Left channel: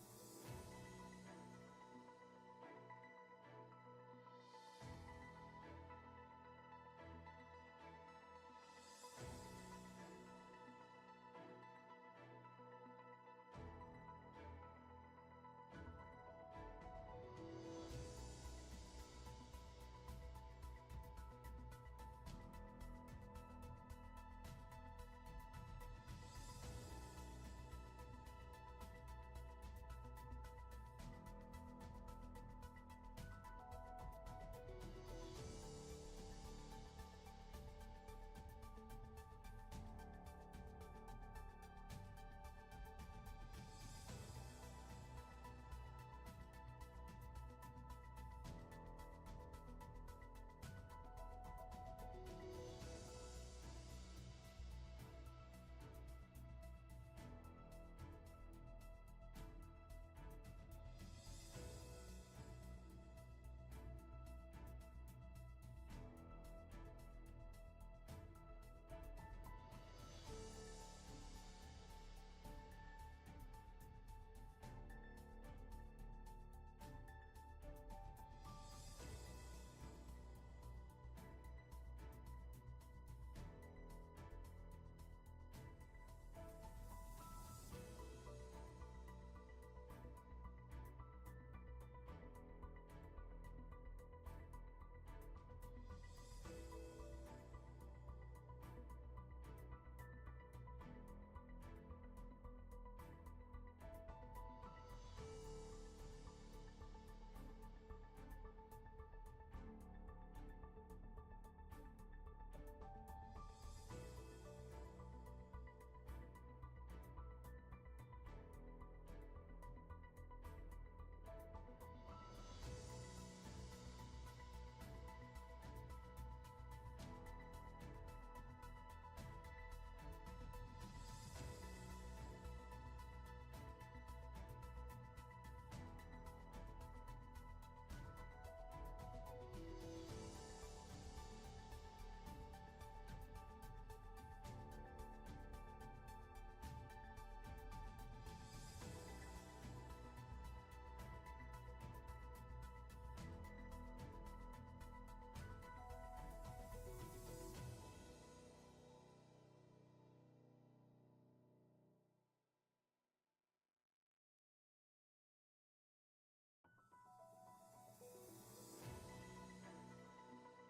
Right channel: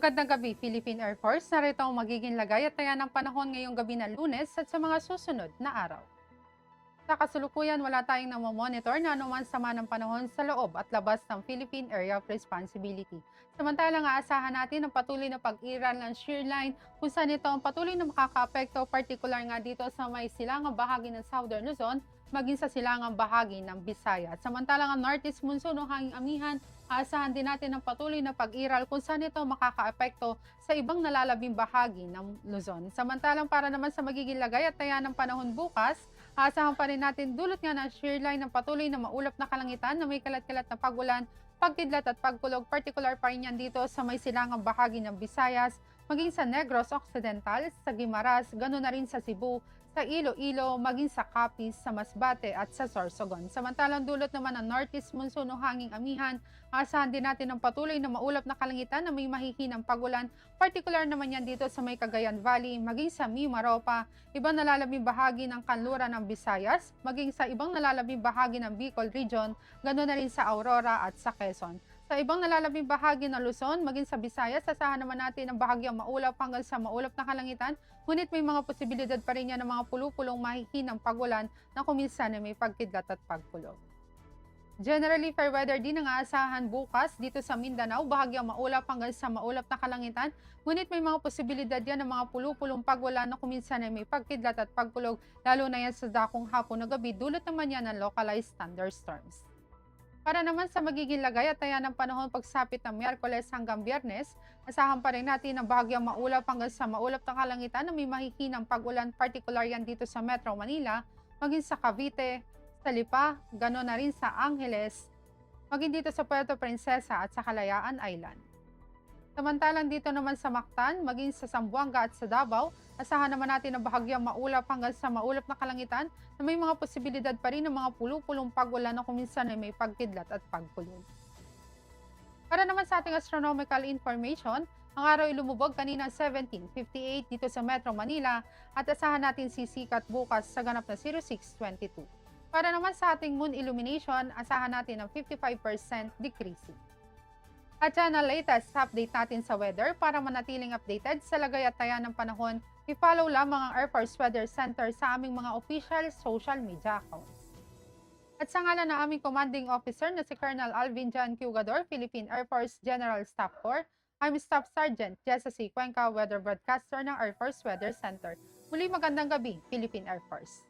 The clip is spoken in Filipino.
Magandang gabi, Philippine Air Force. Narito ang magiging lagay at taya ng panahon ngayong gabi ng Lunes at sa mga susunod na araw. Sa kasalukuyan, wala tayong namomonitor na anuman sama ng panahon sa loob at labas ng Philippine Area of Responsibility. Samantalang aasahan natin ang patuloy na pag-iral ng shear line kung saan ito ang patuloy na makakaapekto, particular nga dito sa may silangang bahagi ng Southern Luzon, maging sa silangang bahagi ng Visayas. Samantalang ang northeast monsoon o hanging amihan, aasahan din natin ang patuloy na pag-iral kung saan ito makakaapekto sa ibang nalalabing bahagi ng Luzon. Samantalang para naman sa magiging lagay at taya ng panahon bukas, aasahan pa rin natin dulot nga ng shear line ng patuloy na maulap na kalangitan na may kalat-kalat na pagulan, pagkidlat at pagkulog, particular pa rin yan dito sa may silangang bahagi ng Visayas, maging sa Negros Occidental, sa Guimaras, ganoon na rin sa Cebu, sa Iloilo, maging sa Capiz, sa Masbate at sa Sorsogon. Samantalang dulot naman ng northeast monsoon o hanging amihan, aasahan din natin ang patuloy na maulap na kalangitan na may mahihinang pagulan, particular naman yan dito sa may Cagayan Valley, maging sa Mimaropa, ibang nalalabing bahagi ng kanluran ng Visayas, maging sa ibang nalalabing bahagi ng Bicol Region, ganoon na rin sa Aurora at sa Quezon. Sa ibang nalalabing bahagi ng Luzon, maging sa Visayas, asahan naman natin ang bahagyang maulap hanggang sa maulap na kalangitan, ngunit may mga posibilidad pa rin yan ng mga pulupulong mahihinang pagulan na kuminsan ay may pagkidlat at pagkulog. Generally, fair weather din ang aasahan bukas dito sa Mindanao, bahagyang maulap hanggang sa maulap na kalangitan, ngunit may mga posibilidad yan ng mga pulupulong pagulan na kuminsan ay may pagkidlat at pagkulog, lalo na yan sa dakong hapon na gabi, dulot naman yan ng localized thunderstorms. Para naman sa magiging lagay at taya ng panahon pagsapit ng Miyerkules hanggang Biyernes, asahan pa rin natin ang bahagyang maulap hanggang sa maulap na kalangitan na may mahihinang pag-ulan, particular yan dito sa Metro Manila, maging sa Cavite, sa Lipa, gano'n na rin sa Angeles, maging dito sa Puerto Princesa at sa Kalayaan Island. Samantalang dito naman sa Mactan, maging sa Zamboanga at sa Davao, asahan naman natin ang bahagyang maulap hanggang sa maulap na kalangitan na may mga posibilidad pa rin ng mga pulupulong pagulan na kuminsan ay may pagkidlat at pagkulog. Para naman sa ating astronomical information, ang araw ay lumubog kanina 17:58 dito sa Metro Manila at asahan natin sisikat bukas sa ganap na 06:22. Para naman sa ating moon illumination, asahan natin ang 55% decreasing. At yan ang latest update natin sa weather. Para manatiling updated sa lagay at taya ng panahon, i-follow lamang ang Air Force Weather Center sa aming mga official social media accounts. At sa ngalan ng aming commanding officer na si Colonel Alvin John Cugador, Philippine Air Force General Staff Corps, I'm Staff Sergeant Jessa C. Cuenca, Weather Broadcaster ng Air Force Weather Center. Muli magandang gabi, Philippine Air Force.